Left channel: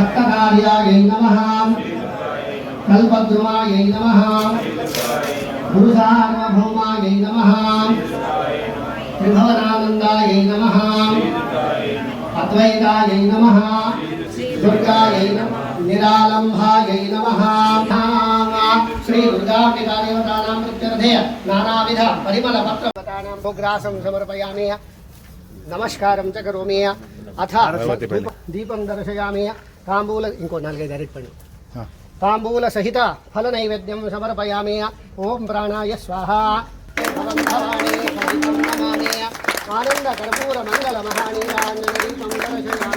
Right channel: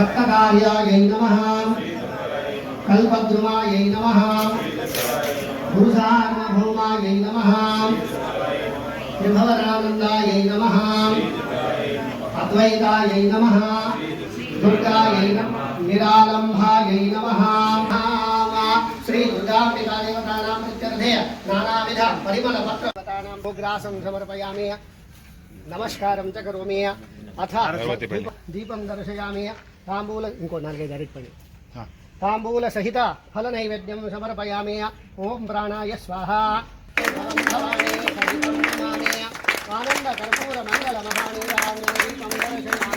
भक्तकार्यायै नमः कल्पद्रुमायै नमः गुरुसार्वभौमायै नमः त्रिभुवनानन्दायै नमः अद्वैतायै नमः दुर्गायै नमः निरालम्भायै नमः श्री दुर्गाम्बिका देवतानां प्रत्यर्थे नानाविध परिमलपत्रपतानां भोग्रासं समर्पयामि नमस्कारं च करोमि अथ दीपं दर्शयामि तांबूल इंको 4-5 डायरेक्ट पड़ी तांबूल सहित फल नैवेद्यं समर्पयामि ओम प्राणाय स्वाहा आनंद कर्पूर मंगल महानीरांजन दीपं दर्शयामि